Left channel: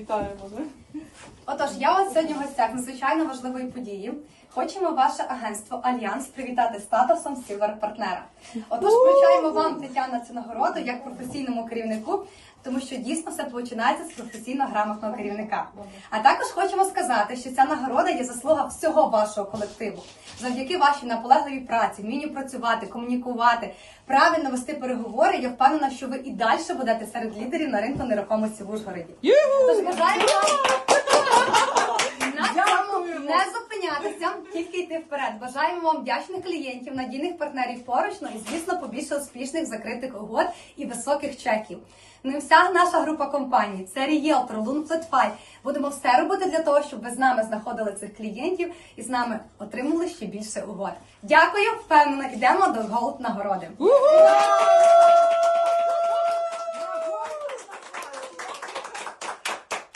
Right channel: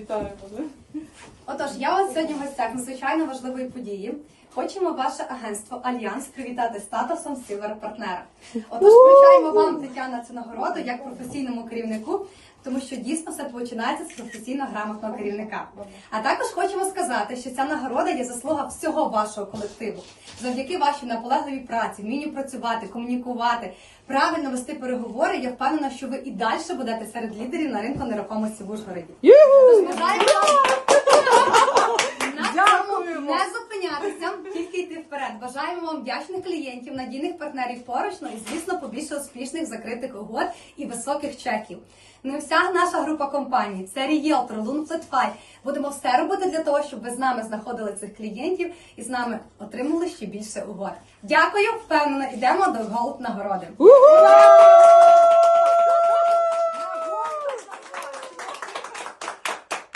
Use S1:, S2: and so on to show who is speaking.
S1: bir tane buldum.
S2: Отож, я вас сьогодні в гостях надзвичайно важливої події. Хочемо ваше агентство Альянс привітати статусом Сілвер партнера. Отож, вручаємо вам Тетяна цю нагороду як професійному керівнику, тому що дійсно все починається з професійно грамотного керівника. А також хочемо сказати, що ця нагорода є заслуга всього вашого колективу. Завдяки вашій наполегливій праці, вмінню працювати, комунікувати, правильно вести переговори. Я впевнена, що ви і далі будете серед лідерів на ринку нерухомості в Ужгороді. Тож бажаємо вам на цьому не зупинятися, тільки йти вперед. Бажаємо вам вдячних клієнтів, надійних партнерів поруч, ну і звісно побільше успішних закритих угод і високих чеків. І вся наша група компаній, це Рієлтор, Лунфлетфай. Будемо все робити для того, щоб ви з нами знаходили цих клієнтів і з нами отримали ще більше угод. Дякую, впевнено, йдемо до голуб нагороди.